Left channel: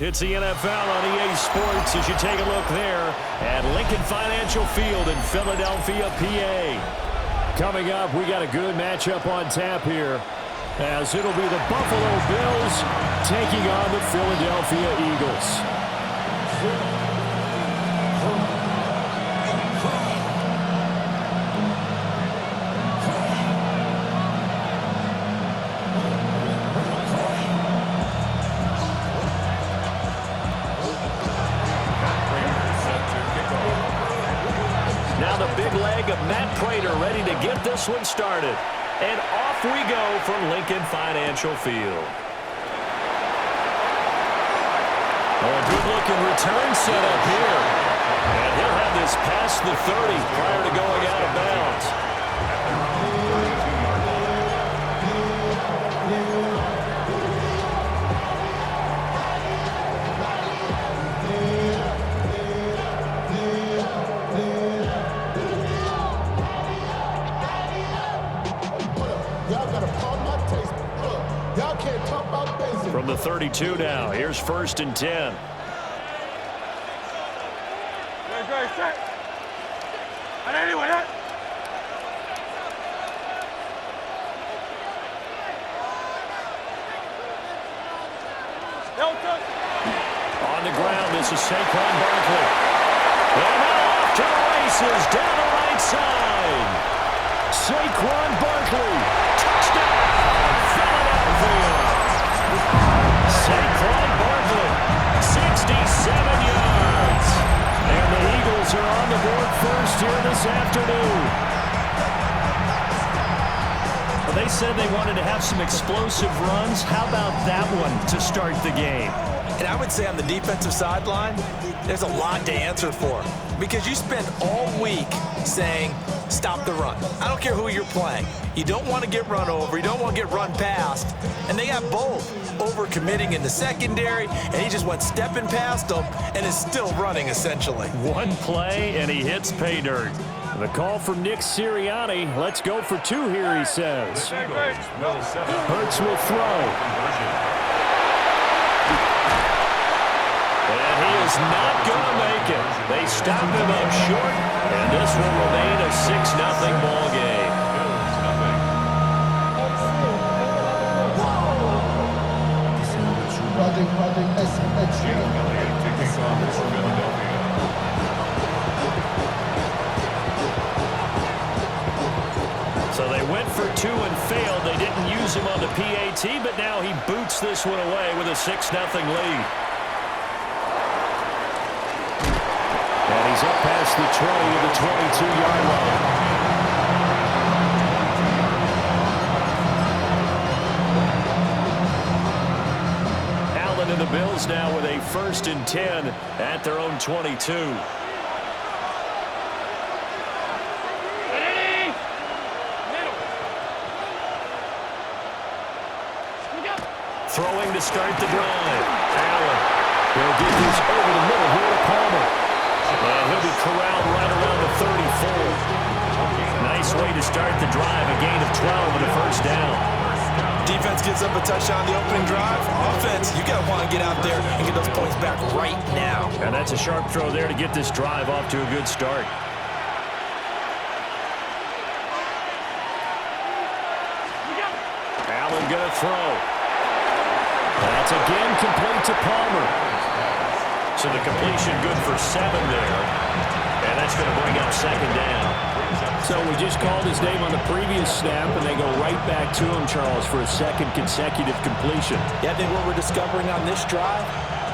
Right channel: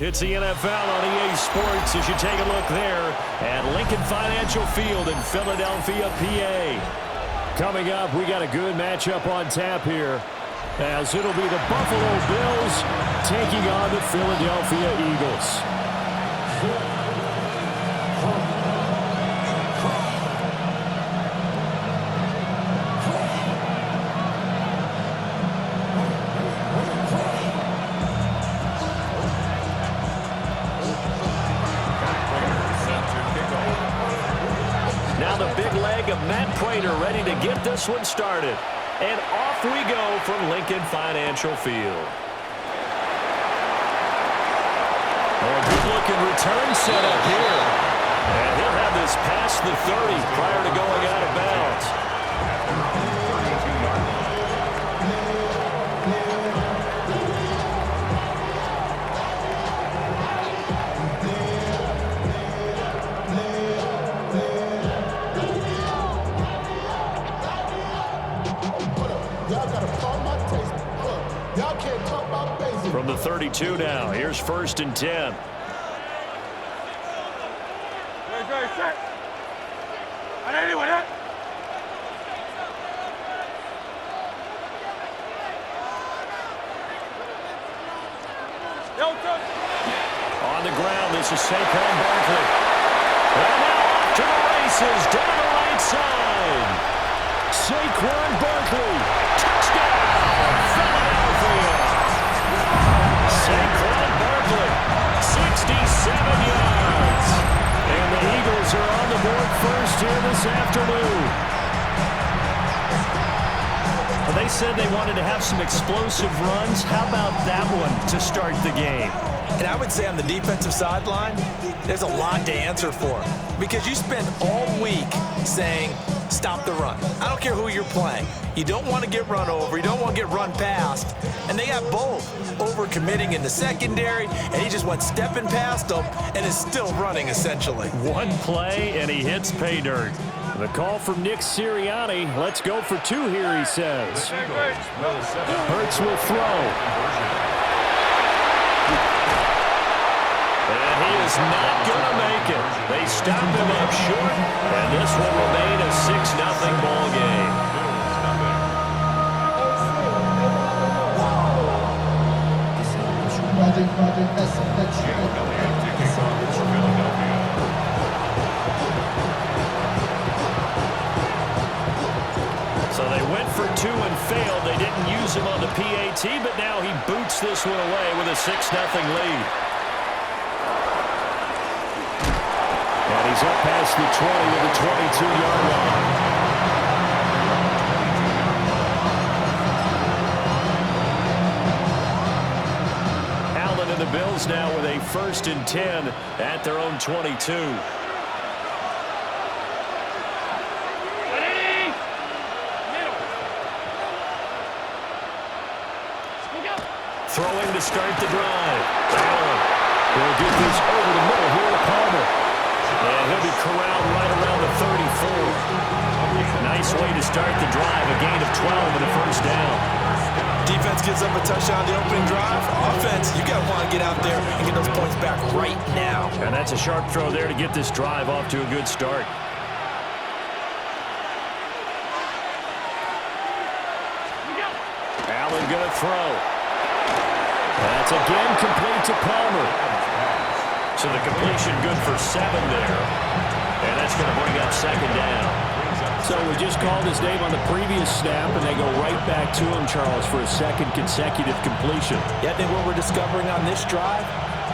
It's the NFL on EA Sports as you take a look there at Lincoln Financial Field in Philadelphia, PA. Coming up, we got a good matchup on tap here, as it'll be the Buffalo Bills taking on the Philadelphia Eagles. Now the big leg of Matt Prater ready to get this one started. And off we go from Lincoln Financial Field. Oh, a good-looking return set up here. And he'll have this past the 30 prior to going out of bounds. At their own 32-yard line. Y'all can't talk about basic. From the 32 now, here's 1st and 10. Very set. And anyway, that. On the ground, this is Saquon Barkley. And now off to the races, down the right side. Saquon Barkley, touchdown, Philadelphia. Saquon Barkley, 67 yards. And the Eagles are on the board first here this afternoon. Well, they said they wanted to have some explosive runs. How about that one to start the game? And I would say on the defensive sideline, there's a lot to answer for. Because you spend all week saying, stop the run. I don't care who you're playing. You don't want to get run over. You don't want to get run past. And they got both. Over-committing in the secondary, and he just went stepping past them and is still running, essentially. One play, and he hits pay dirt. The call from Nick Sirianni. Let's go for two here, he says. Hurts will throw. And he is not going to make it. They stop him up short, and this will remain a 6-0 ball game. Project S. Jim Elliott to kick off for Philadelphia. So they went for two and failed. They didn't use him on the PAT, but now he boots this one away with a 6-0 lead. And he's up past the 20 to the 22-yard line. Allen and the Bills now with a 1st and 10 at their own 22. Throwing to start the drive. Allen will get this over the middle here to Palmer. And he'll be corralled right around the 34. Nice way to start the drive. A gain of 12 and a 1st down. Defense gives up a touchdown the opening drive. Offense, you got to want to get out there and get those points back right now. And that's a sharp throw there to get this drive off to a good start. Allen going to throw. That's again complete to Palmer. So the completion good for 7 there. And that's going to bring up 2nd down. So we just called his name on the previous snap, and they go right back to him, Charles, for a 2nd consecutive completion. Yeah, I think what we're discovering on this drive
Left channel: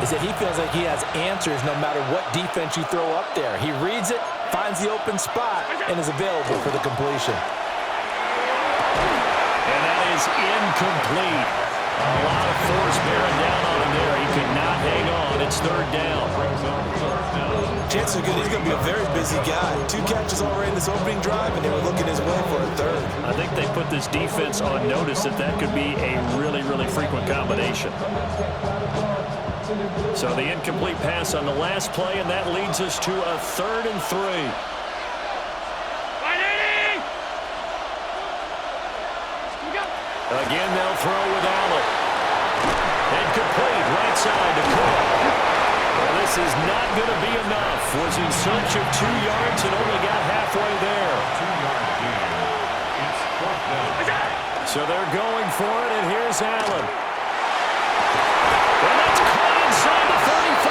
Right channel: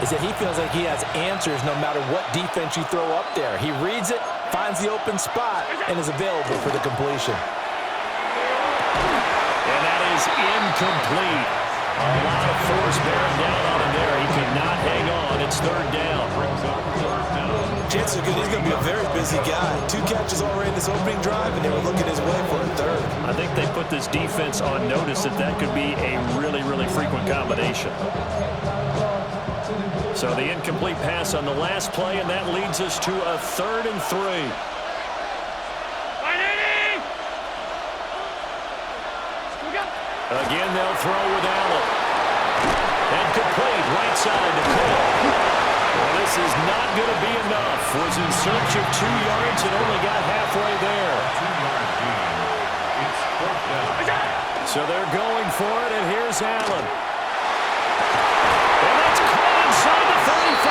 is that he feels like he has answers no matter what defense you throw up there. He reads it, finds the open spot, and is available for the completion. And that is incomplete. A lot of force bearing down on him there. He could not hang on. It's 3rd down. Chances are good he's going to be a very busy guy. 2 catches already in this opening drive, and they were looking his way for a 3rd. I think they put this defense on notice that that could be a really, really frequent combination. So the incomplete pass on the last play, and that leads us to a 3rd and 3. Again, they'll throw with Allen. And complete right side to Cook. Well, this is not going to be enough. Was in search of 2 yards and only got halfway there. 2-yard gain. It's 4th down. So they're going for it, and here's Allen. And that's caught inside the 35.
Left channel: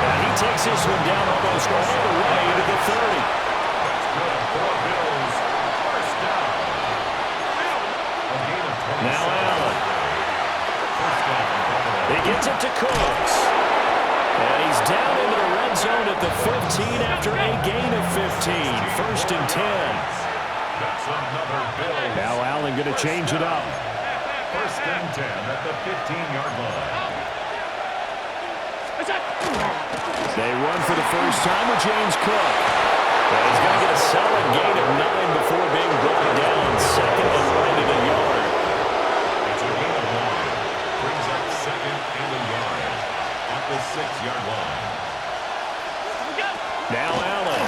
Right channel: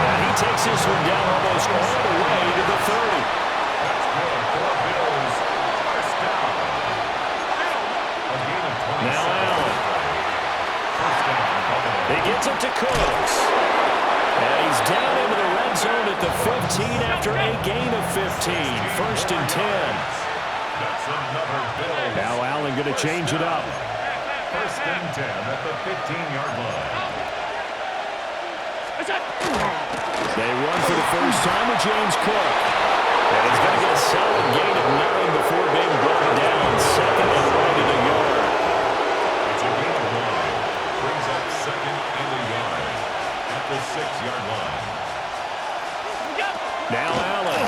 And he takes this one down almost all the way to the 30. That's good for Bills. 1st down. A gain of 26. Now Allen. 1st down. He gets it to Cooks. And he's down into the red zone at the 15 after a gain of 15. 1st and 10. That's another Bills. Now Allen going to change it up. 1st and 10 at the 15-yard line. They run for the first time with James Cook. And he's going to get a solid gain of 9 before being brought down. 2nd and right at a yard. It's a gain of 1. Brings up 2nd and a yard at the 6-yard line. Now Allen.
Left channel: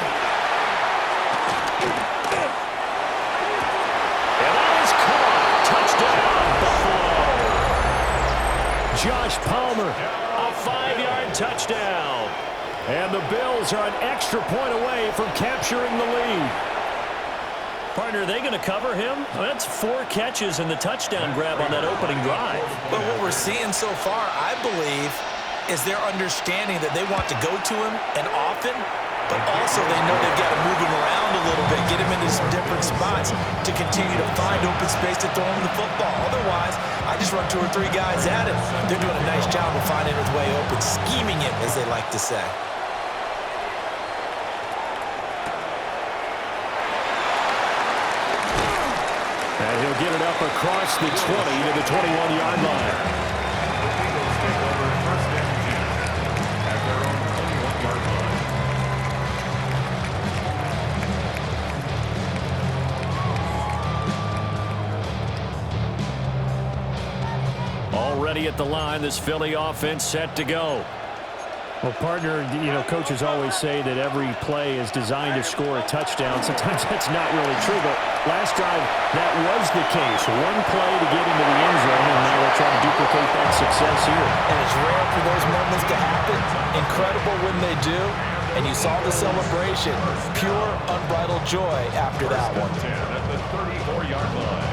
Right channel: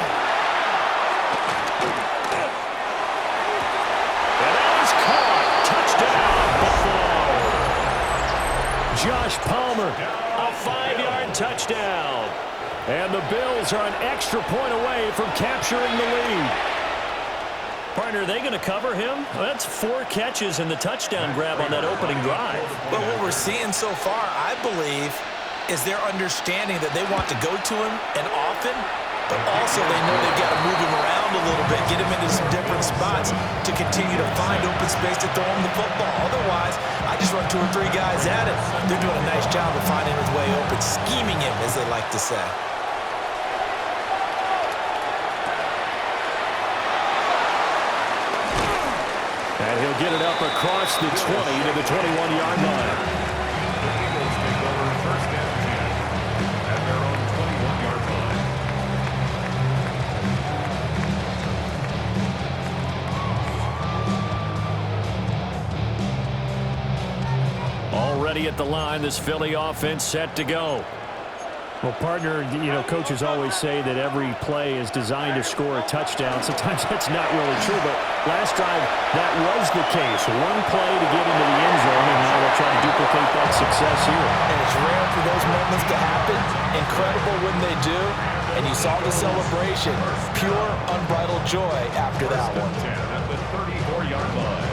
And that is caught. Touchdown, Buffalo. Josh Palmer, a 5-yard touchdown. And the Bills are an extra point away from capturing the lead. Partner, are they going to cover him? Well, that's 4 catches and the touchdown grab on that opening drive. But what we're seeing so far, I believe, is their understanding that they want to go to him and often, but also they know they've got to move him around a little bit, get him into some different spots to continue to find open space to throw him the football. Otherwise, I just run 2 or 3 guys at him. They're doing a nice job of finding his way open, scheming him, as they like to say. And he'll get it up across the 20 to the 21-yard line. The Eagles take over 1st and 10 at their own 21-yard line. Already at the line, this Philly offense set to go. Well, partner, you know, coaches always say that every play is designed to score a touchdown. Sometimes that's not really true, but last drive, that was the case. 1 play to get into the end zone, and now they'll try to duplicate that success here. And it's rare for those moments to happen. Incredible when they do. And you saw the celebration. Pure, unbridled joy after that one. 10 at the 34-yard line.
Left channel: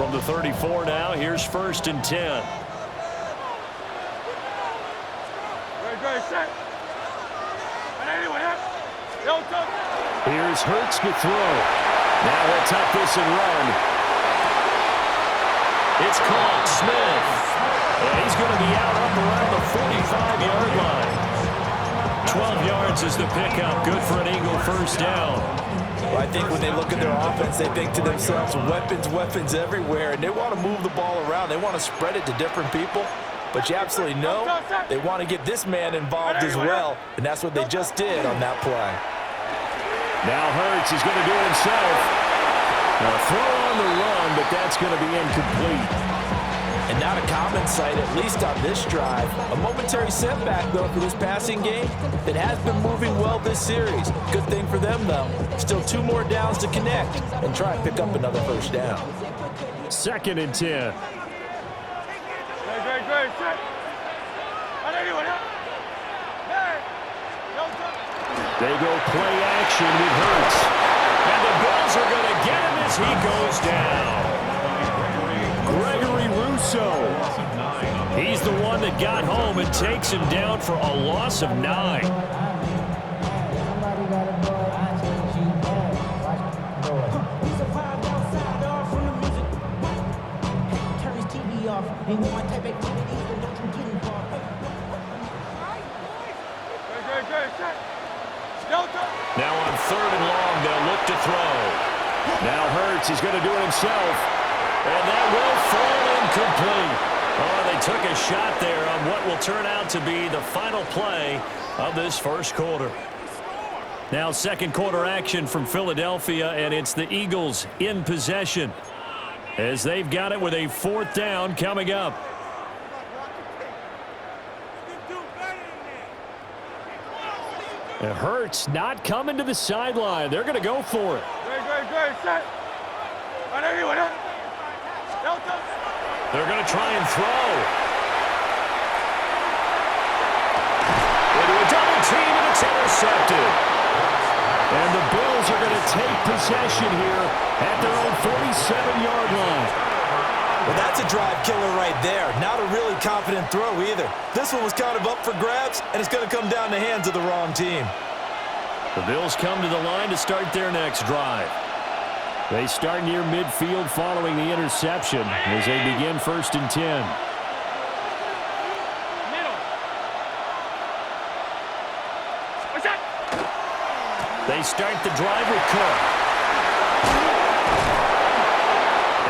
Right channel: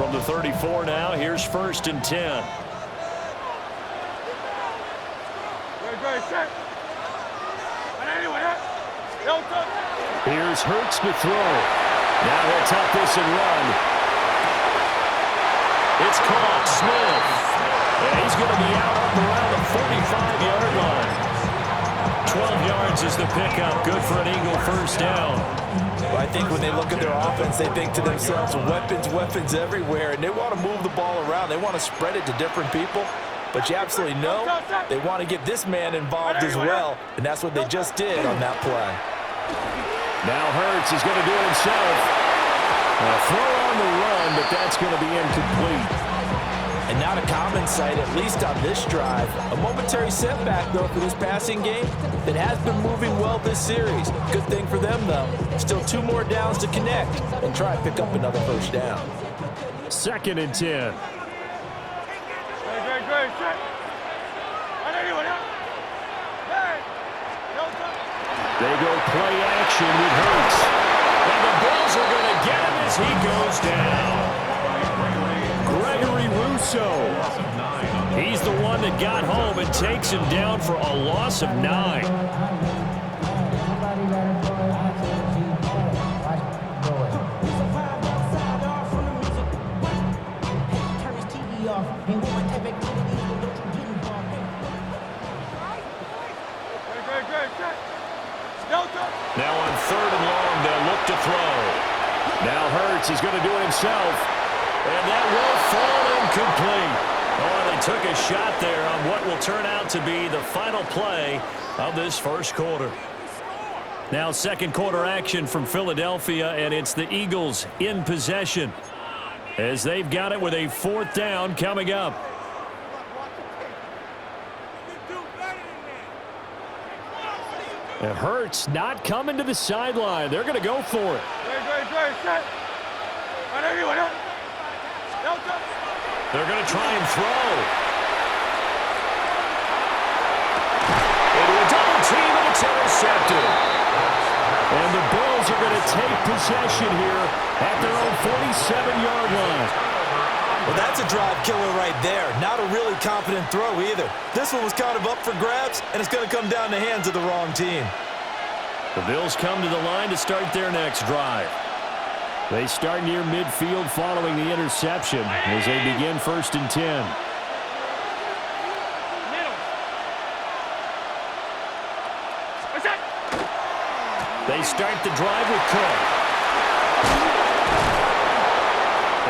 From the 34 now, here's 1st and 10. Here's Hurts to throw. Now he'll tuck this and run. It's caught. Smith. And he's going to be out up around the 45-yard line. 12 yards is the pickup. Good for an Eagle 1st down. Well, I think when they look at their offense, they think to themselves, weapons, weapons everywhere, and they want to move the ball around. They want to spread it to different people. But you absolutely know they want to get this man involved as well, and that's what they just did on that play. Now Hurts is going to do it himself. A throw on the run, but that's going to be incomplete. And not a common sight, at least on this drive. A momentary setback, though, for this passing game that has been moving well this series. Good thing for them, though. Still 2 more downs to connect and try and pick up another 1st down. 2nd and 10. They go play action with Hurts. And the Bills are going to get him as he goes down. Gregory Rousseau. He's the one that got home and takes him down for a loss of 9. Ain't want my type activities, then don't you get involved. Now on 3rd and long, they'll look to throw. Now Hurts, he's going to do it himself. And that will fall incomplete. Oh, they took a shot there on what will turn out to be the final play of this 1st quarter. Now 2nd quarter action from Philadelphia, and it's the Eagles in possession, as they've got it with a 4th down coming up. And Hurts not coming to the sideline. They're going to go for it. They're going to try and throw. Into a double team, and it's intercepted. And the Bills are going to take possession here at their own 47-yard line. Well, that's a drive killer right there. Not a really confident throw either. This one was kind of up for grabs, and it's going to come down the hands of the wrong team. The Bills come to the line to start their next drive. They start near midfield following the interception as they begin 1st and 10. They start the drive with Cook.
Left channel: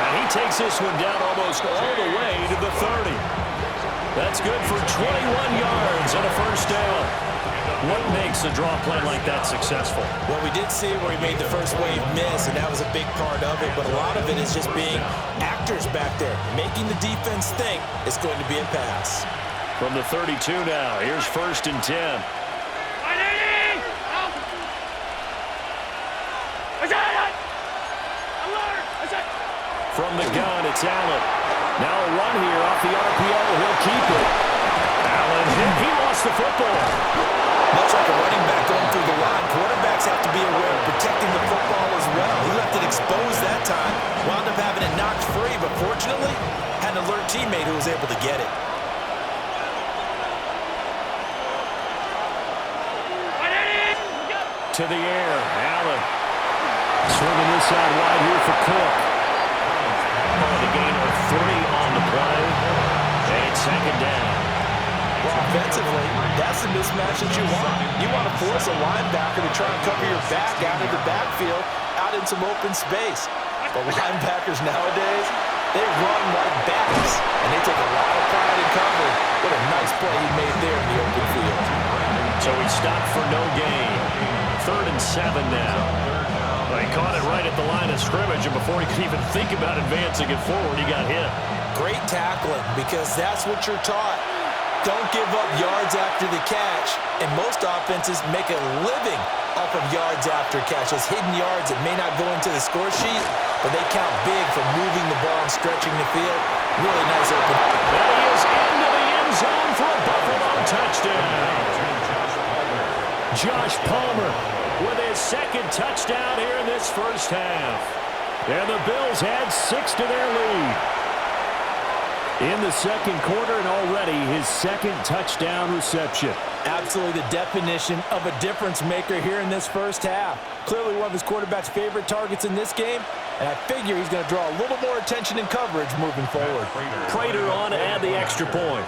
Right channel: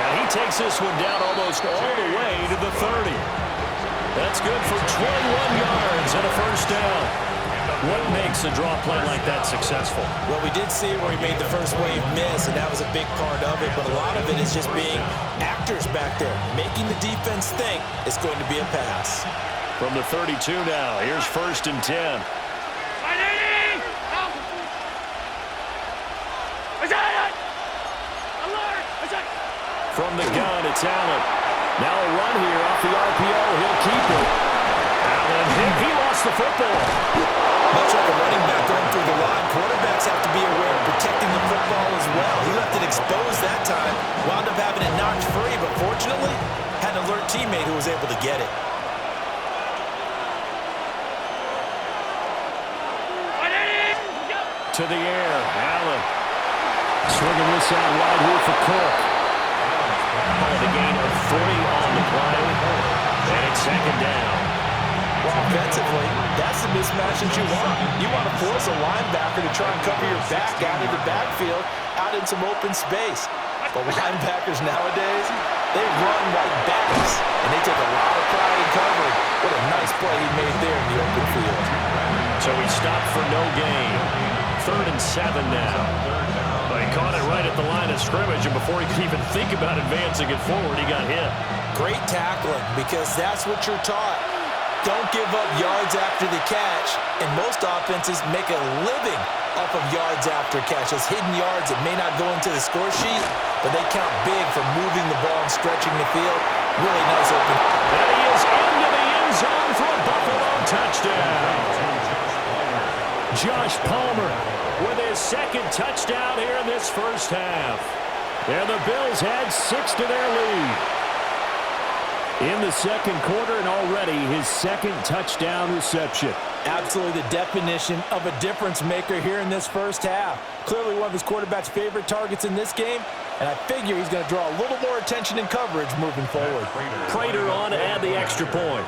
And he takes this one down almost all the way to the 30. That's good for 21 yards and a first down. What makes a draw play like that successful? Well, we did see where he made the first wave miss, and that was a big part of it. But a lot of it is just being actors back there, making the defense think it's going to be a pass. From the 32 now, here's 1st and 10. From the gun, it's Allen. Now a run here off the RPO. He'll keep it. Allen hit. He lost the football. Much like a running back going through the line, quarterbacks have to be aware of protecting the football as well. He left it exposed that time, wound up having it knocked free, but fortunately, had an alert teammate who was able to get it. To the air, Allen. Swinging this out wide here for Cook. A gain of 3 on the play, and it's 2nd down. Well, offensively, that's the mismatch that you want. You want to force a linebacker to try and cover your back out of the backfield, out in some open space. But linebackers nowadays, they run like backs, and they take a lot of pride in covering. What a nice play he made there in the open field. So he stopped for no gain. 3rd and 7 now. Well, he caught it right at the line of scrimmage, and before he could even think about advancing it forward, he got hit. Great tackling, because that's what you're taught. Don't give up yards after the catch, and most offenses make a living off of yards after catch. Those hidden yards that may not go into the score sheet, but they count big for moving the ball and stretching the field. Really nice open. And he is into the end zone for a Buffalo touchdown. Josh Palmer with his 2nd touchdown here in this first half. And the Bills add 6 to their lead. In the 2nd quarter, and already his 2nd touchdown reception. Absolutely the definition of a difference maker here in this first half. Clearly one of his quarterback's favorite targets in this game, and I figure he's going to draw a little more attention and coverage moving forward. Prater on to add the extra point.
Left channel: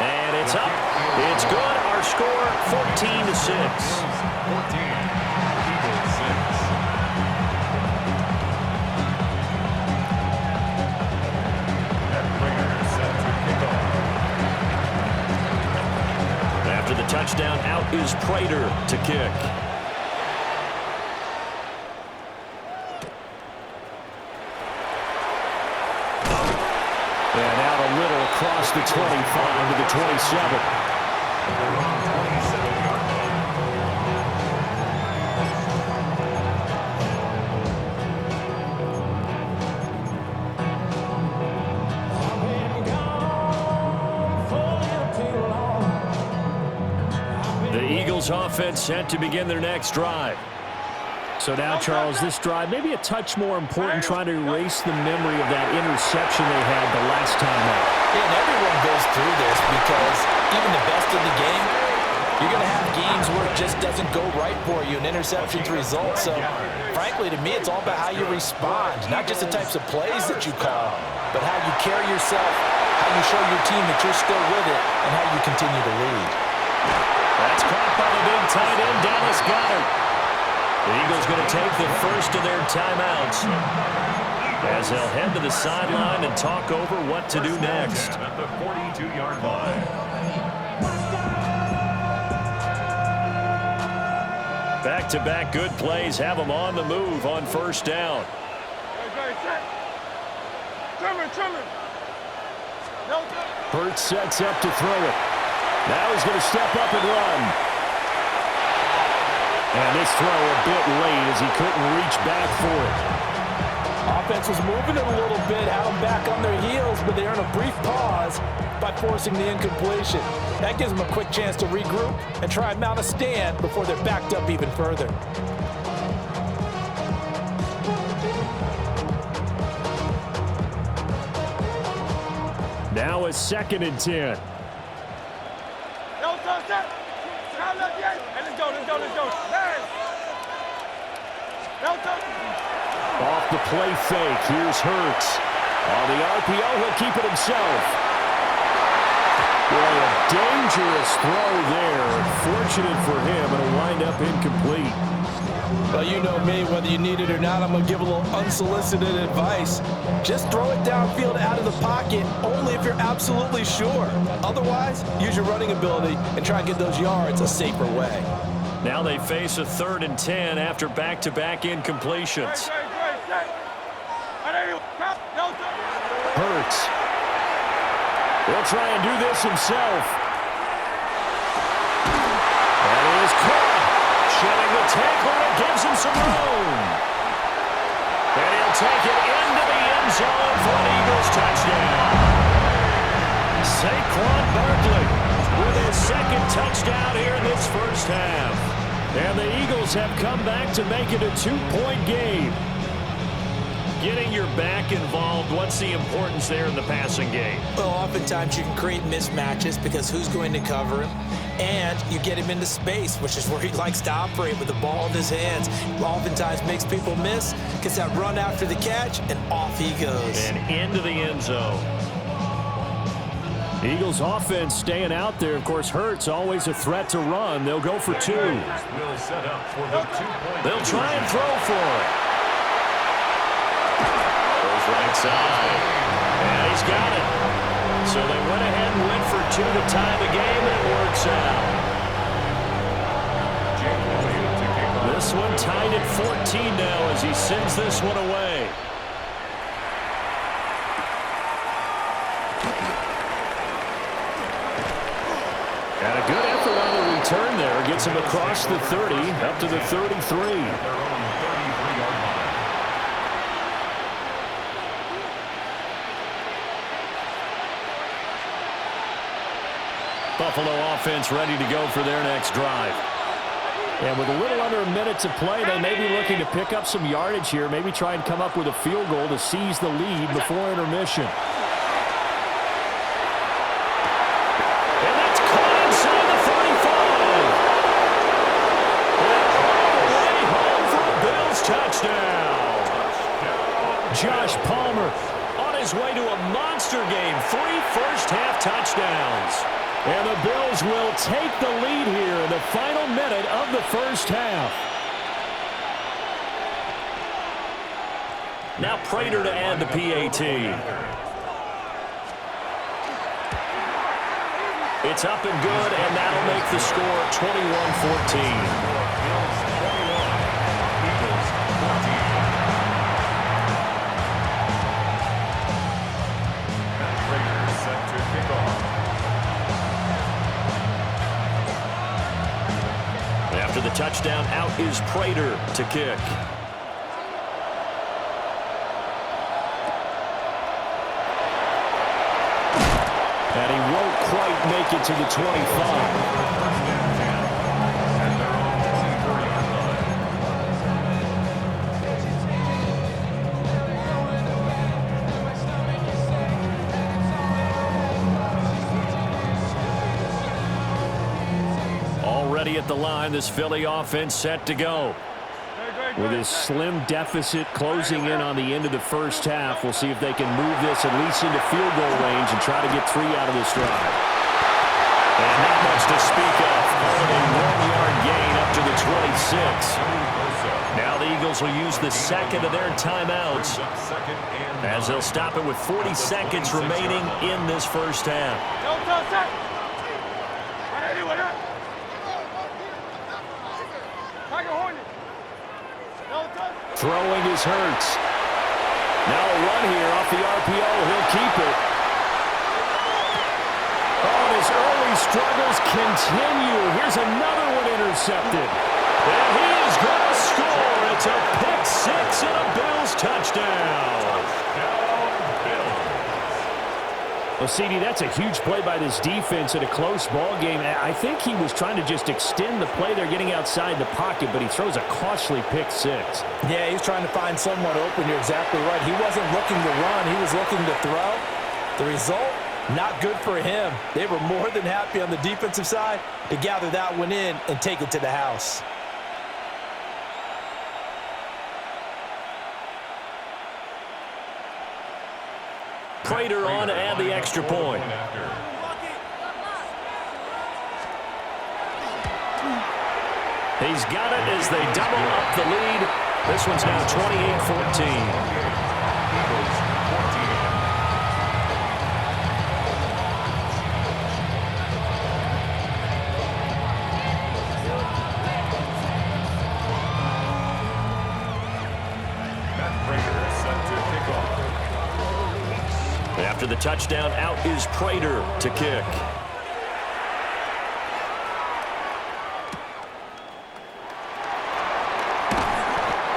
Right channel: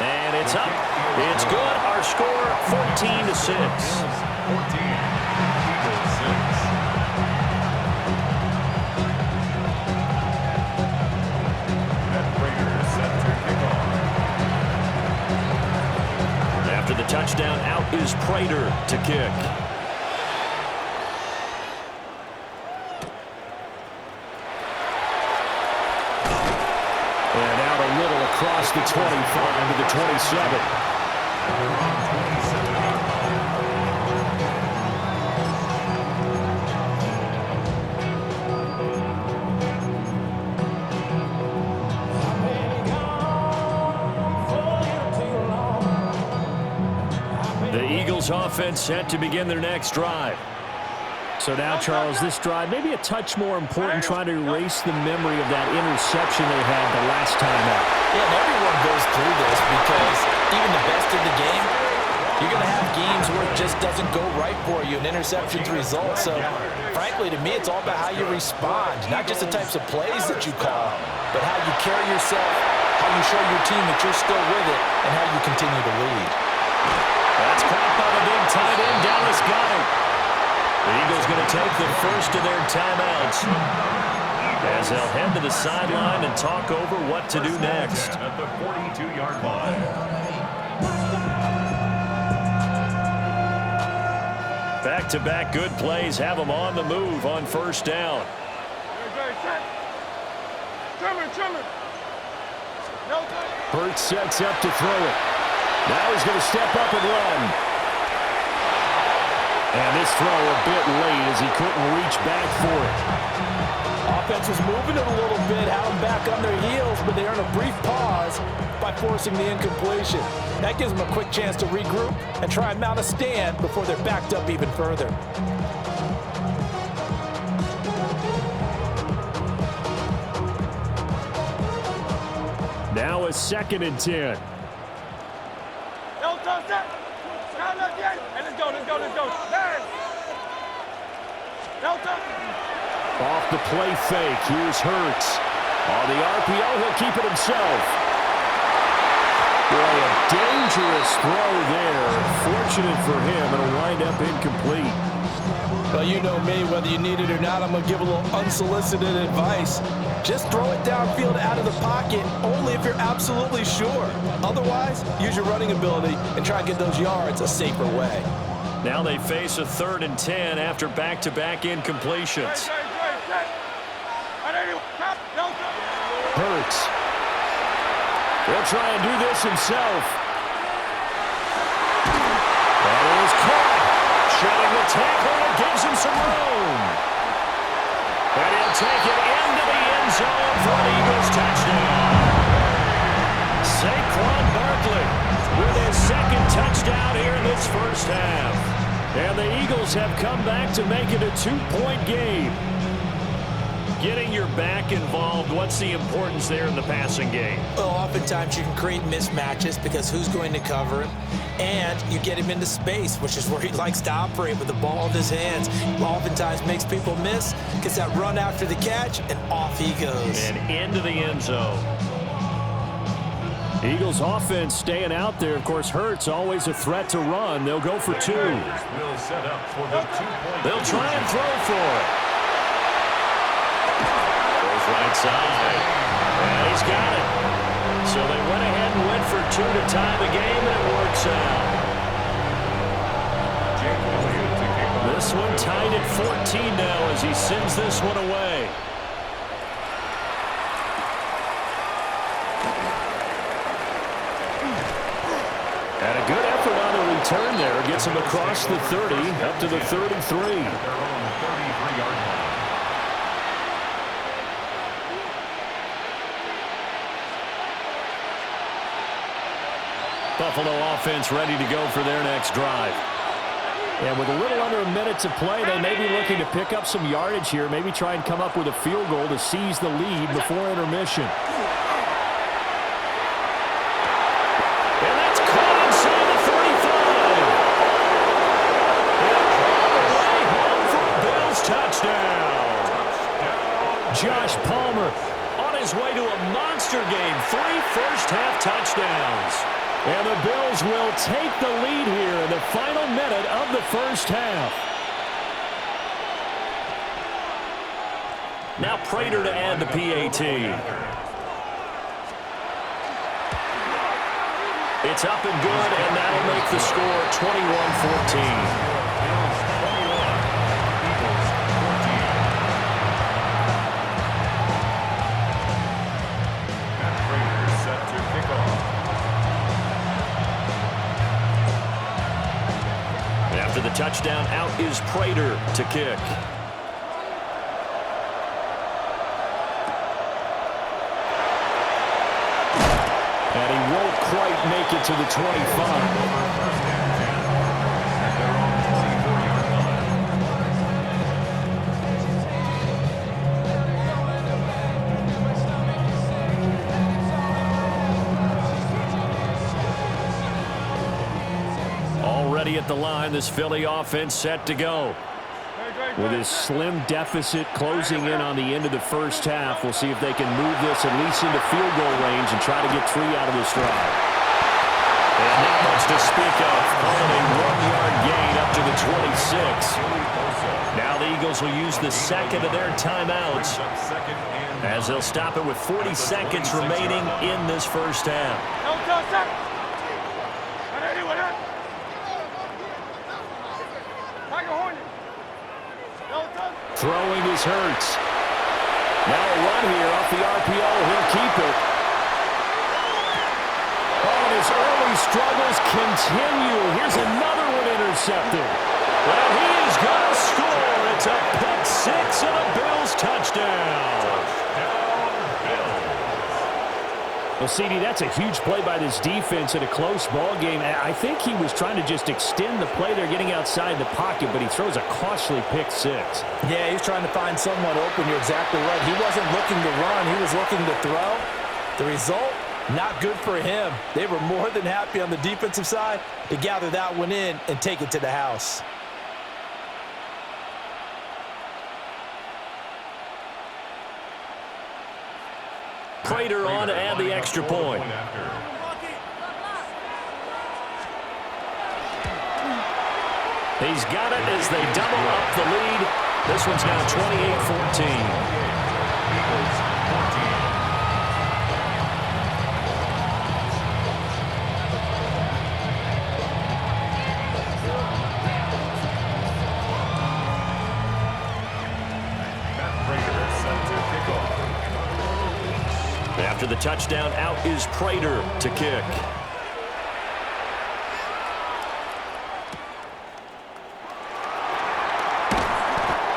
And it's up. It's good. Our score, 14-6. 14, Eagles 6. And Prater set to kick off. After the touchdown, out is Prater to kick. And out a little across the 25 to the 27. The Eagles offense set to begin their next drive. So now, Charles, this drive maybe a touch more important, trying to erase the memory of that interception they had the last time out. Yeah, and everyone goes through this because even the best in the game, you're going to have games where it just doesn't go right for you, and interceptions result. So, frankly, to me, it's all about how you respond, not just the types of plays that you call, but how you carry yourself, how you show your team that you're still with it, and how you continue to lead. That's caught by the big tight end, Dallas Goedert. The Eagles going to take the first of their timeouts as they'll head to the sideline and talk over what to do next. At the 42-yard line. Back-to-back good plays have them on the move on 1st down. Hurts sets up to throw it. Now he's going to step up and run. And this throw a bit late as he couldn't reach back for it. Offense was moving it a little bit, had them back on their heels, but they earned a brief pause by forcing the incompletion. That gives them a quick chance to regroup and try and mount a stand before they're backed up even further. Now a 2nd and 10. Off the play fake, here's Hurts. On the RPO, he'll keep it himself. Boy, a dangerous throw there. Fortunate for him, it'll wind up incomplete. Well, you know me, whether you need it or not, I'm going to give a little unsolicited advice. Just throw it downfield out of the pocket, only if you're absolutely sure. Otherwise, use your running ability and try and get those yards a safer way. Now they face a 3rd and 10 after back-to-back incompletions. Hurts. He'll try and do this himself. That is caught. Shedding the tackle, and it gives him some room. And he'll take it into the end zone for an Eagles touchdown. Saquon Barkley with his 2nd touchdown here in this first half. And the Eagles have come back to make it a 2-point game. Getting your back involved, what's the importance there in the passing game? Well, oftentimes you can create mismatches because who's going to cover him? And you get him into space, which is where he likes to operate with the ball in his hands. Oftentimes makes people miss, gets that run after the catch, and off he goes. And into the end zone. Eagles offense staying out there. Of course, Hurts always a threat to run. They'll go for 2. Will set up for the 2-point. They'll try and throw for it. Goes right side. And he's got it. So they went ahead and went for 2 to tie the game, and it works out. This one tied at 14 now as he sends this one away. And a good effort on the return there. Gets him across the 30, up to the 33. At their own 33-yard line. Buffalo offense ready to go for their next drive. And with a little under a minute to play, they may be looking to pick up some yardage here, maybe try and come up with a field goal to seize the lead before intermission. And that's caught inside the 35. And all the way home for a Bills touchdown. Josh Palmer on his way to a monster game. 3 first-half touchdowns. And the Bills will take the lead here in the final minute of the first half. Now Prater to add the PAT. It's up and good, and that'll make the score 21-14. Bills 21, Eagles 14. Matt Prater set to kick off. After the touchdown, out is Prater to kick. And he won't quite make it to the 25. At their own 24-yard line. Already at the line, this Philly offense set to go. With his slim deficit closing in on the end of the first half, we'll see if they can move this at least into field goal range and try to get 3 out of this drive. And not much to speak of. Calling a 1-yard gain up to the 26. Now the Eagles will use the second of their timeouts as they'll stop it with 40 seconds remaining in this first half. Throwing is Hurts. Now a run here off the RPO. He'll keep it. Oh, and his early struggles continue. Here's another one intercepted. And he is going to score. It's a pick six and a Bills touchdown. Touchdown, Bills. Well, CD, that's a huge play by this defense in a close ball game. I think he was trying to just extend the play there, getting outside the pocket, but he throws a costly pick six. Yeah, he's trying to find someone open. You're exactly right. He wasn't looking to run. He was looking to throw. The result, not good for him. They were more than happy on the defensive side to gather that one in and take it to the house. Prater on to add the extra point. He's got it as they double up the lead. This one's now 28-14. Eagles 14. After the touchdown, out is Prater to kick.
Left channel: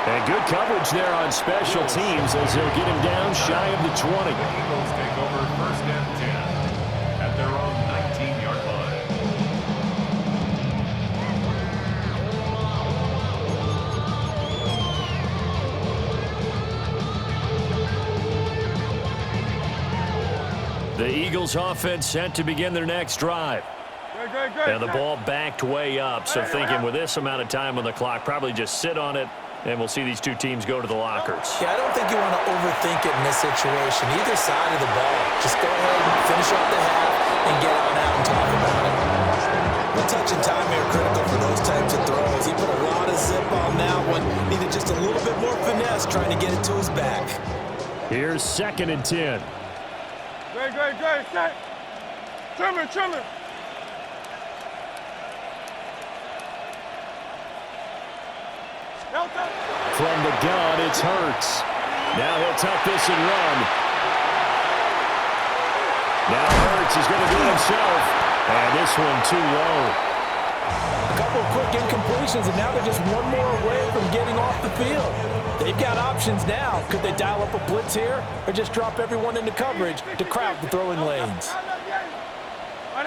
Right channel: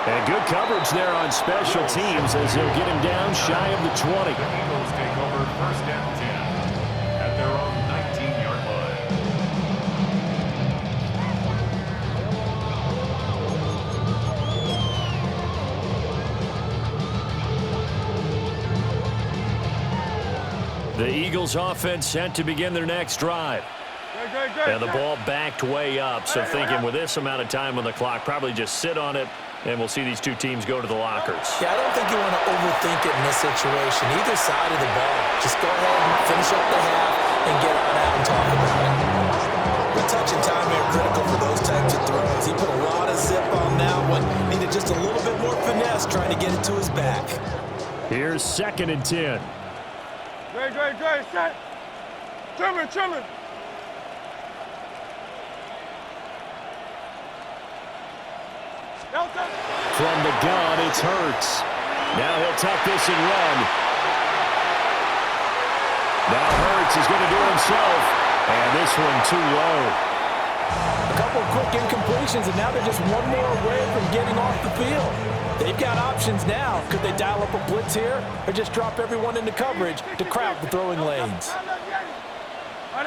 And good coverage there on special teams as he'll get him down shy of the 20. The Eagles take over first and 10 at their own 19-yard line. The Eagles offense set to begin their next drive. And the ball backed way up, so thinking with this amount of time on the clock, probably just sit on it, and we'll see these two teams go to the lockers. Yeah, I don't think you want to overthink it in this situation. Either side of the ball. Just go ahead and finish up the half and get on out and talk about it. The touch and time are critical for those types of throws. He put a lot of zip on that one. Needed just a little bit more finesse trying to get it to his back. Here's 2nd and 10. Great, set. Trimmer. From the gun, it's Hurts. Now he'll tuck this and run. Now Hurts is going to do it himself. And this one too low. A couple of quick incompletions, and now they're just one more away from getting off the field. They've got options now. Could they dial up a blitz here or just drop everyone into coverage to crowd the throwing lanes? On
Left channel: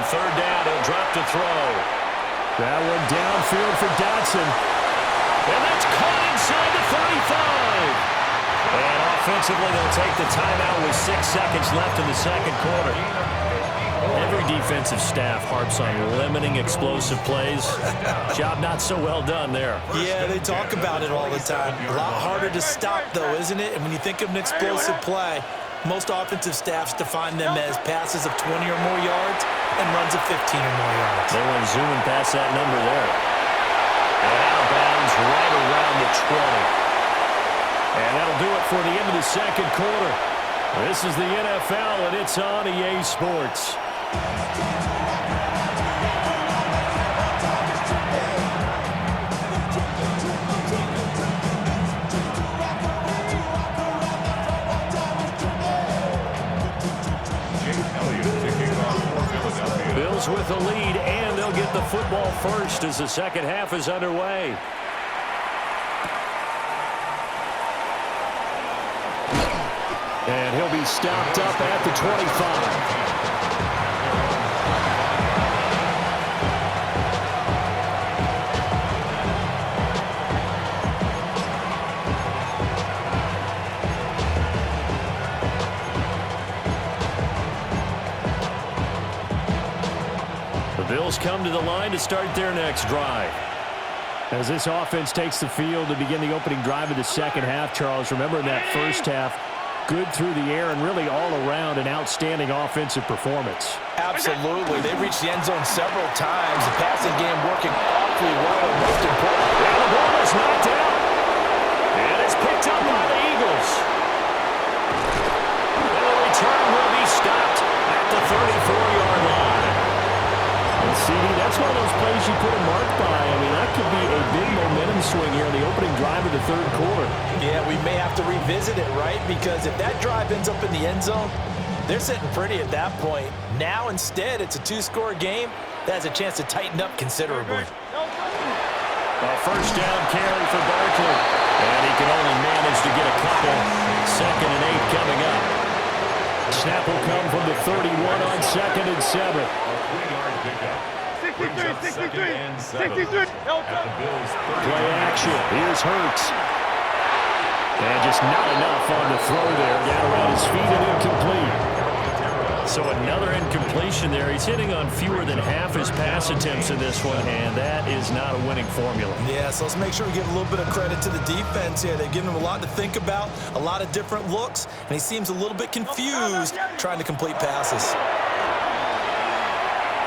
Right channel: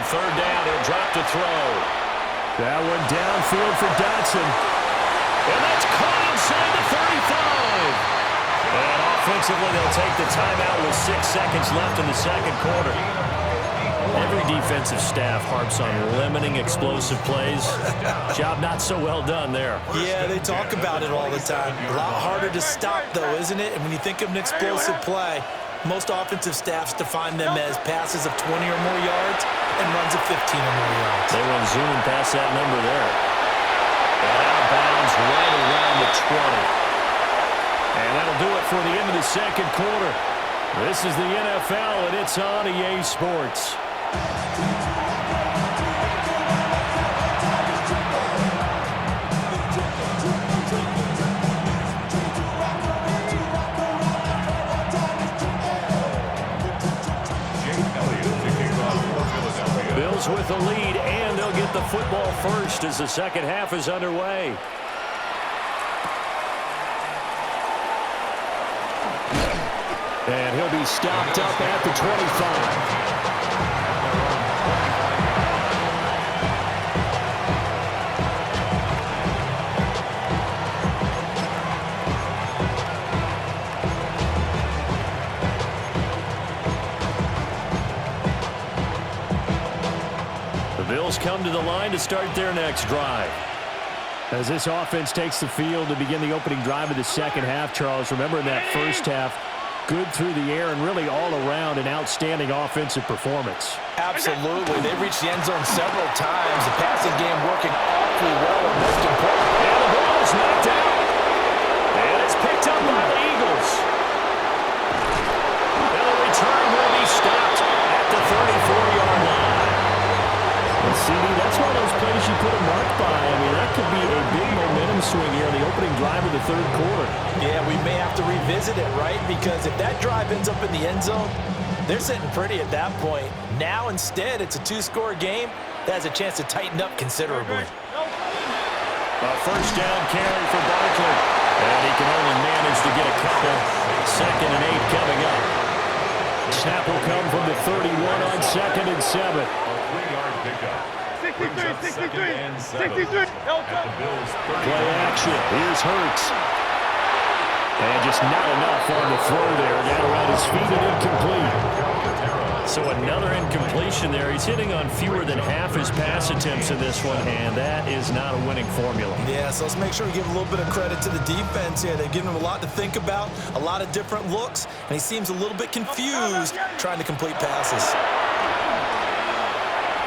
3rd down, he'll drop to throw. That one downfield for Dotson. And that's caught inside the 35. And offensively, they'll take the timeout with 6 seconds left in the second quarter. Every defensive staff harps on limiting explosive plays. Job not so well done there. Yeah, they talk about it all the time. A lot harder to stop, though, isn't it? And when you think of an explosive play, most offensive staffs define them as passes of 20 or more yards and runs of 15 or more yards. They went zooming past that number there. And out of bounds right around the 20. And that'll do it for the end of the second quarter. This is the NFL, and it's on EA Sports. Bills with the lead, and they'll get the football first as the second half is underway. And he'll be stopped up at the 25. The Bills come to the line to start their next drive. As this offense takes the field to begin the opening drive of the second half, Charles, remember in that first half, good through the air and really all around an outstanding offensive performance. Absolutely. They've reached the end zone several times. The passing game working awfully well, and most important. And the ball is knocked out. And it's picked up by the Eagles. And the return will be stopped at the 34-yard line. And CD, that's one of those plays you put a mark by. I mean, that could be a big momentum swing here in the opening drive of the third quarter. Yeah, we may have to revisit it, right? Because if that drive ends up in the end zone, They're sitting pretty at that point. Now, instead, it's a two-score game that has a chance to tighten up considerably. A first down carry for Barkley. And he can only manage to get a couple. 2nd and 8 coming up. Snap will come from the 31 on 2nd and 7. A 3-yard pickup. 63. At the Bills' 30. Play action. Here's Hurts. And just not enough on the throw there. Down around his feet and incomplete. So another incompletion there. He's hitting on fewer than half his pass attempts in this one, and that is not a winning formula. Yeah, so let's make sure we give a little bit of credit to the defense here. They've given him a lot to think about, a lot of different looks, and he seems a little bit confused trying to complete passes.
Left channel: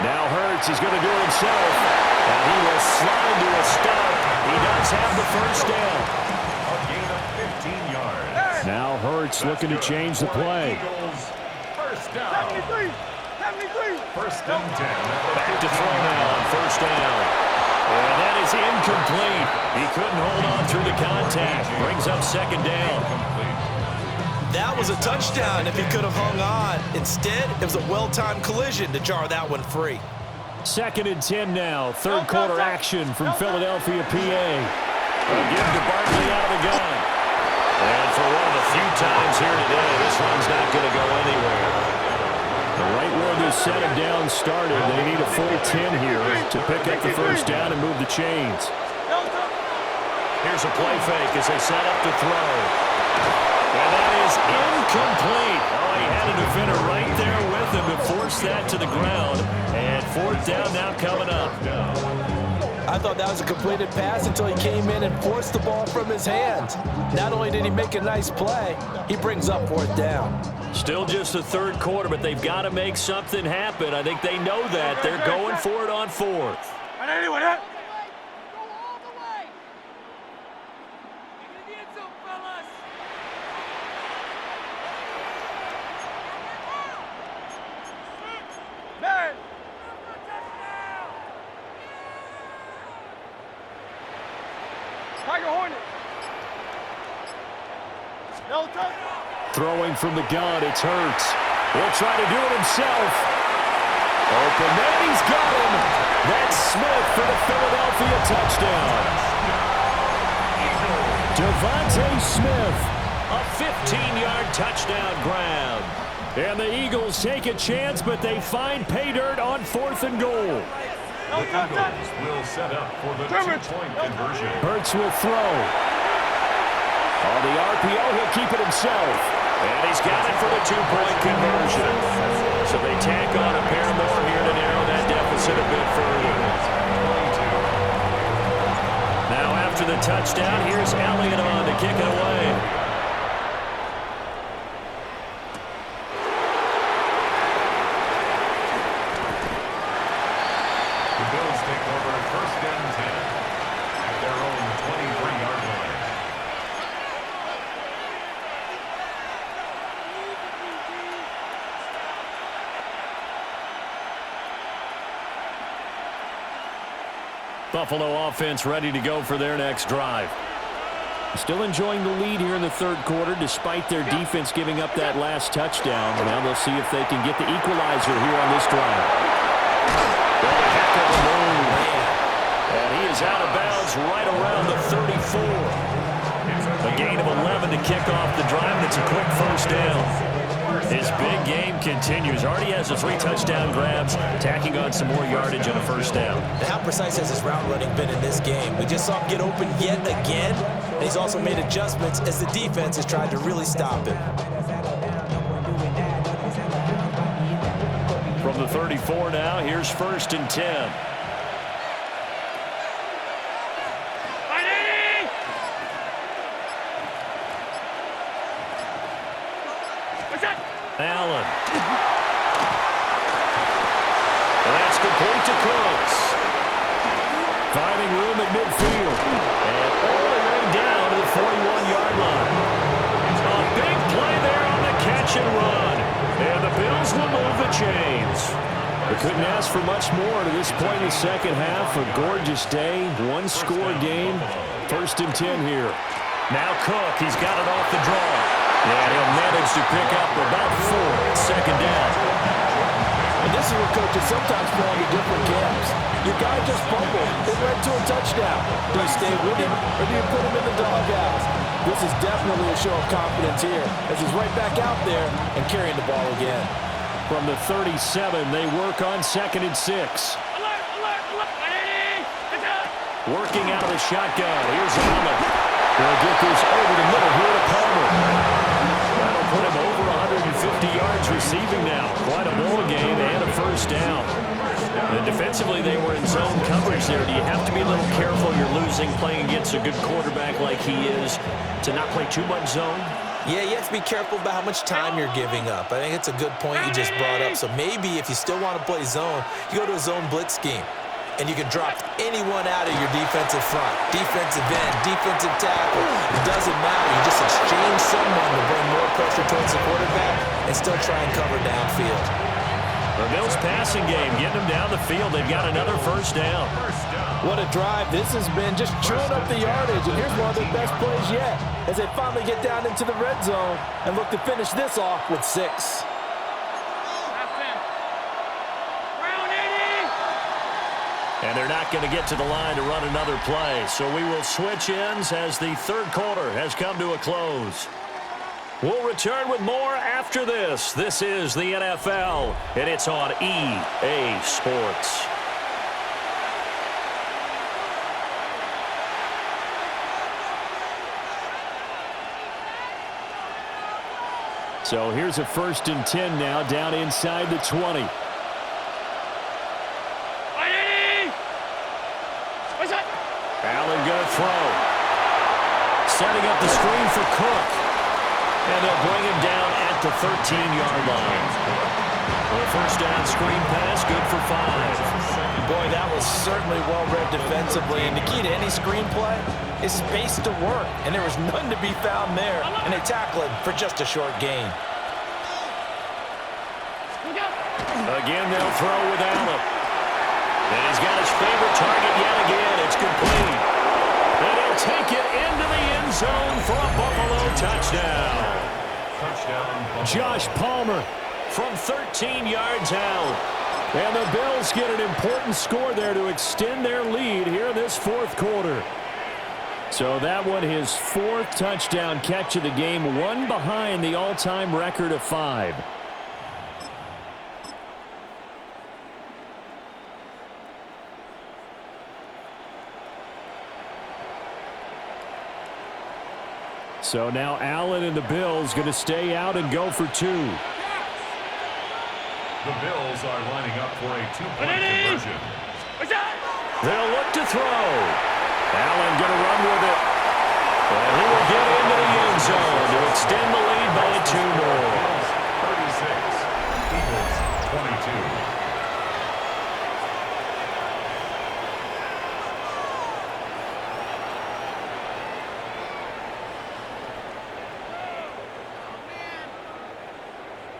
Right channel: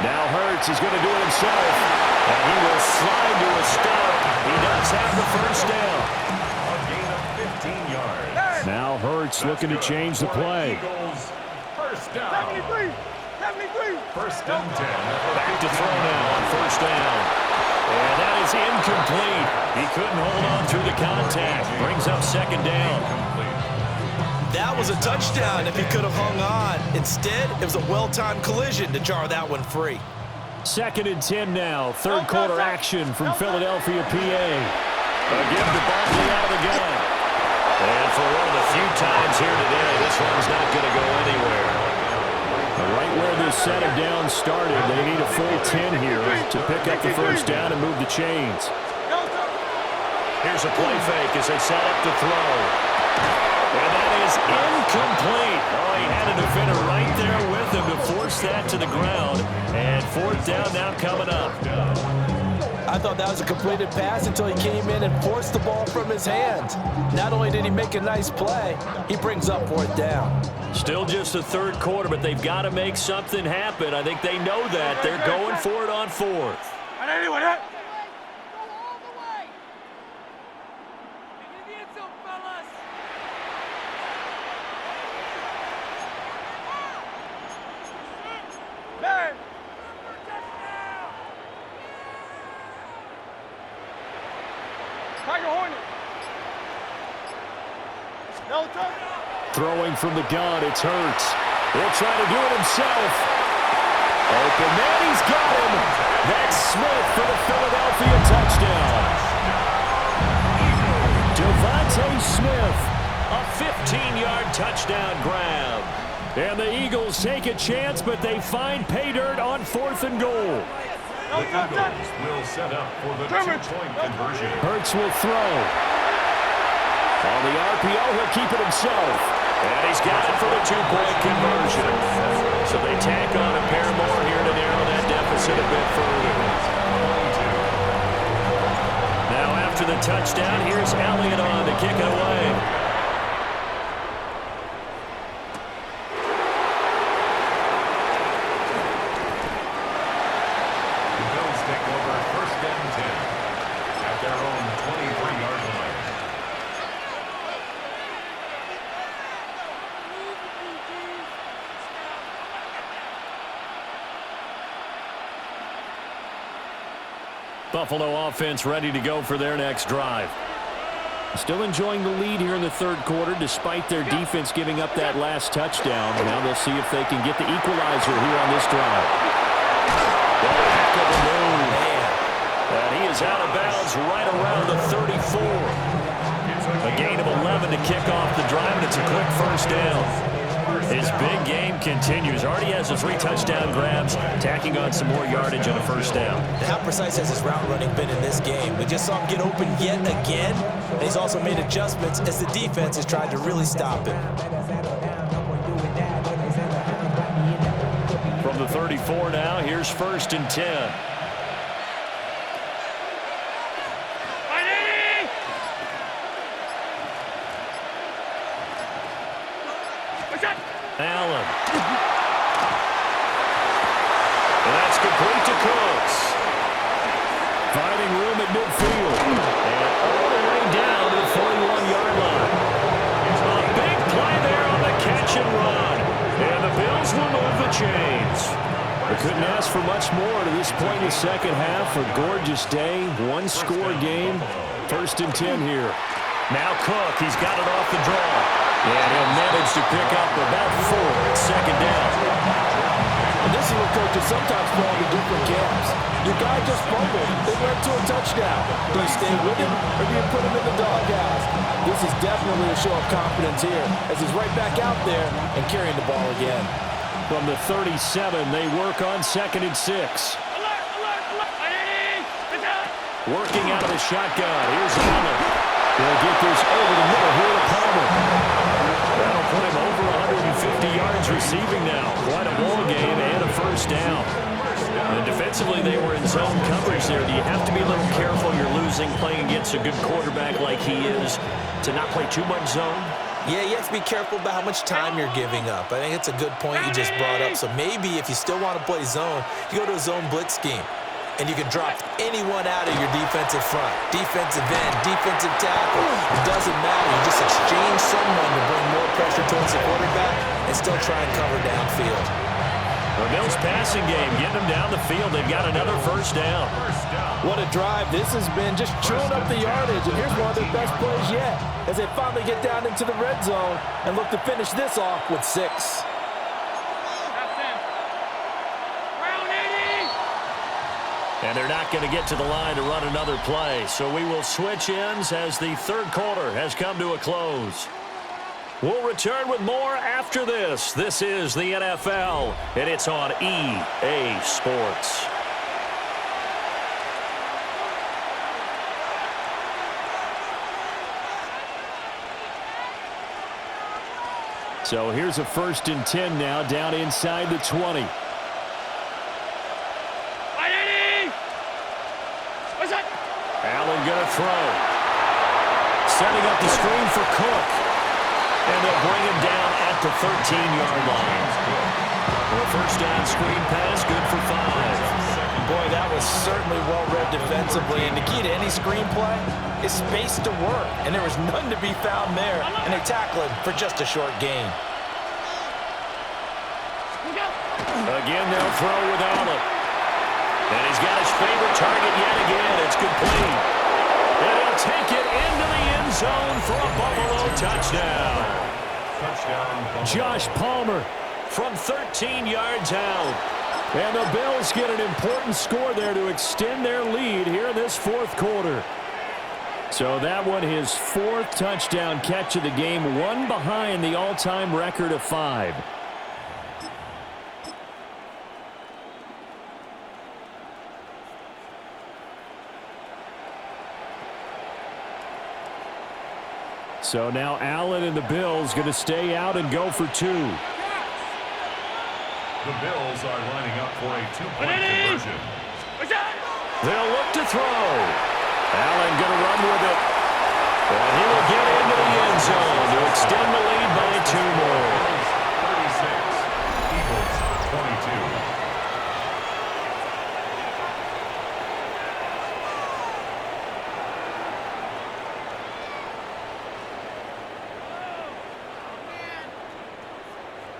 Now Hurts, he's going to do it himself, and he will slide to a stop. He does have the first down. A gain of 15 yards. Now Hurts looking to change the play. Eagles, first down. 73. First and 10. Back to throw now on first down. And that is incomplete. He couldn't hold on through the contact. Brings up 2nd down. That was a touchdown if he could have hung on. Instead, it was a well-timed collision to jar that one free. 2nd and 10 now. 3rd quarter action from Philadelphia, PA. Again to Barkley out of the gun. And for one of the few times here today, this one's not going to go anywhere. Right where this set of downs started, they need a full 10 here to pick up the first down and move the chains. Here's a play fake as they set up to throw. And that is incomplete. Oh, he had a defender right there with him to force that to the ground. And 4th down now coming up. I thought that was a completed pass until he came in and forced the ball from his hand. Not only did he make a nice play, he brings up 4th down. Still just the 3rd quarter, but they've got to make something happen. I think they know that. They're going for it on 4th. Throwing from the gun, it's Hurts. He'll try to do it himself. Open man, he's got him. That's Smith for the Philadelphia touchdown. Devontae Smith, a 15-yard touchdown grab. And the Eagles take a chance, but they find pay dirt on 4th and goal. The Eagles will set up for the 2-point conversion. Hurts will throw. On the RPO, he'll keep it himself. And he's got it for the 2-point conversion. So they tack on a pair more here to narrow that deficit a bit further. Now after the touchdown, here's Elliott on to kick it away. The Bills take over 1st and 10 at their own 23-yard line. Buffalo offense ready to go for their next drive. Still enjoying the lead here in the 3rd quarter despite their defense giving up that last touchdown. Now they'll see if they can get the equalizer here on this drive. Oh, heck of a move. And he is out of bounds right around the 34. A gain of 11 to kick off the drive, and it's a quick first down. His big game continues. Already has the 3 touchdown grabs, tacking on some more yardage on a first down. And how precise has his route running been in this game? We just saw him get open yet again, and he's also made adjustments as the defense has tried to really stop him. From the 34 now, here's 1st and 10. Allen. And that's complete to Cooks. Finding room at midfield. And all the way down to the 41-yard line. A big play there on the catch and run. And the Bills will move the chains. They couldn't ask for much more to this point in the second half. A gorgeous day, 1-score game. 1st and 10 here. Now Cook, he's got it off the draw. And he'll manage to pick up about 4 at 2nd coaches sometimes fall into different camps. Your guy just fumbled. It led to a touchdown. Do you stay with him, or do you put him in the doghouse? This is definitely a show of confidence here, as he's right back out there and carrying the ball again. From the 37, they work on 2nd and 6. Alert, alert, alert. Working out of the shotgun. Here's Allen. They'll get this over the middle here to Palmer. That'll put him over 150 yards receiving now. Quite a ball game and a first down. And defensively, they were in zone coverage there. Do you have to be a little careful? You're losing, playing against a good quarterback like he is, to not play too much zone? Yeah, you have to be careful about how much time you're giving up. I think it's a good point you just brought up. So maybe if you still want to play zone, you go to a zone blitz scheme. And you can drop anyone out of your defensive front. Defensive end, defensive tackle. It doesn't matter. You just exchange someone to bring more pressure towards the quarterback and still try and cover downfield. The Bills passing game, getting them down the field. They've got another first down. What a drive this has been, just chewing up the yardage. And here's one of their best plays yet, as they finally get down into the red zone and look to finish this off with 6. And they're not going to get to the line to run another play. So we will switch ends as the third quarter has come to a close. We'll return with more after this. This is the NFL, and it's on EA Sports. So here's a 1st and 10 now, down inside the 20. Allen going to throw. Setting up the screen for Cook. And they'll bring him down at the 13-yard line. Well, first down screen pass, good for 5. Boy, that was certainly well-read defensively. And the key to any screen play is space to work. And there was none to be found there. And they tackle him for just a short gain. Again, they'll throw with Allen. And he's got his favorite target yet again. It's complete. And he'll take it into the end zone for a Buffalo touchdown. Josh Palmer from 13 yards out. And the Bills get an important score there to extend their lead here in this 4th quarter. So that one, his 4th touchdown catch of the game, one behind the all-time record of 5. So now Allen and the Bills going to stay out and go for 2. The Bills are lining up for a 2-point conversion. They'll look to throw. Allen going to run with it. And he will get into the end zone to extend the lead by 2 more. 36, Eagles 22.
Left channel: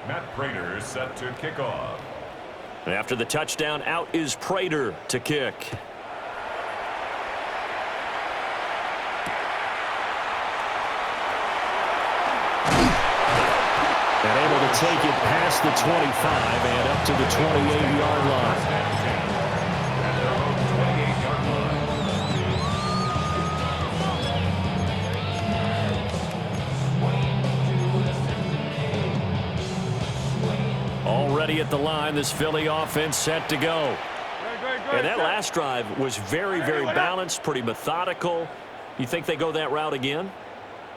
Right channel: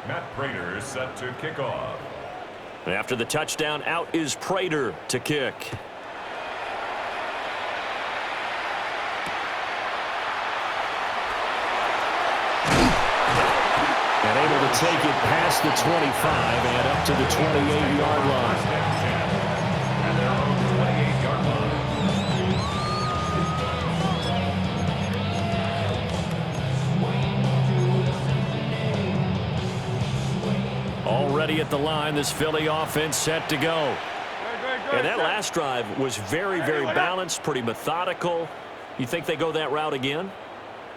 Matt Prater set to kick off. After the touchdown, out is Prater to kick. And able to take it past the 25 and up to the 28-yard line. At their own 28-yard line. Already at the line, this Philly offense set to go. And that last drive was very, very balanced, pretty methodical. You think they go that route again?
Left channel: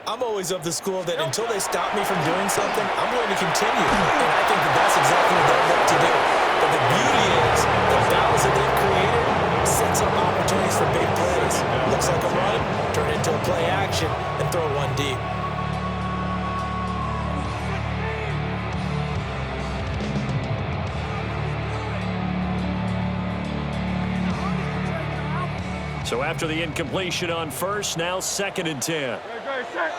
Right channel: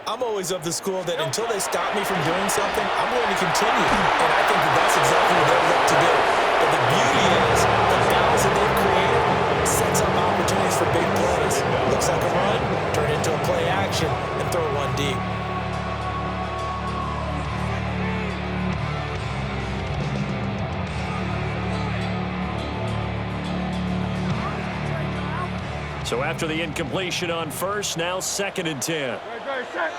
I'm always of the school that until they stop me from doing something, I'm going to continue. And I think that that's exactly what they'll look to do. But the beauty is the balance that they've created sets up opportunities for big plays. Looks like a run, turn it into a play action, and throw one deep. So after the incompletion on first, now 2nd and 10. Great, set.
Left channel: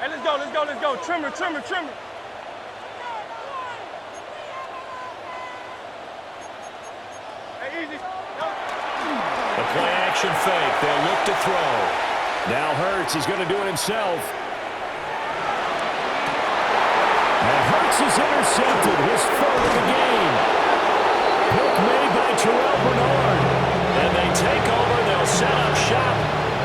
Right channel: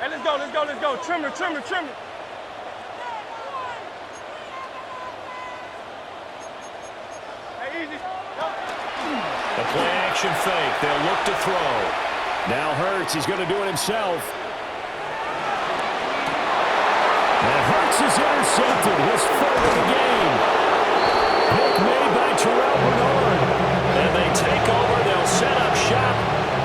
Hey, let's go, let's go, let's go. Trimmer, trimmer, trimmer. Hey, easy. A play action fake. They'll look to throw. Now Hurts, he's going to do it himself. And Hurts is intercepted, his 3rd of the game.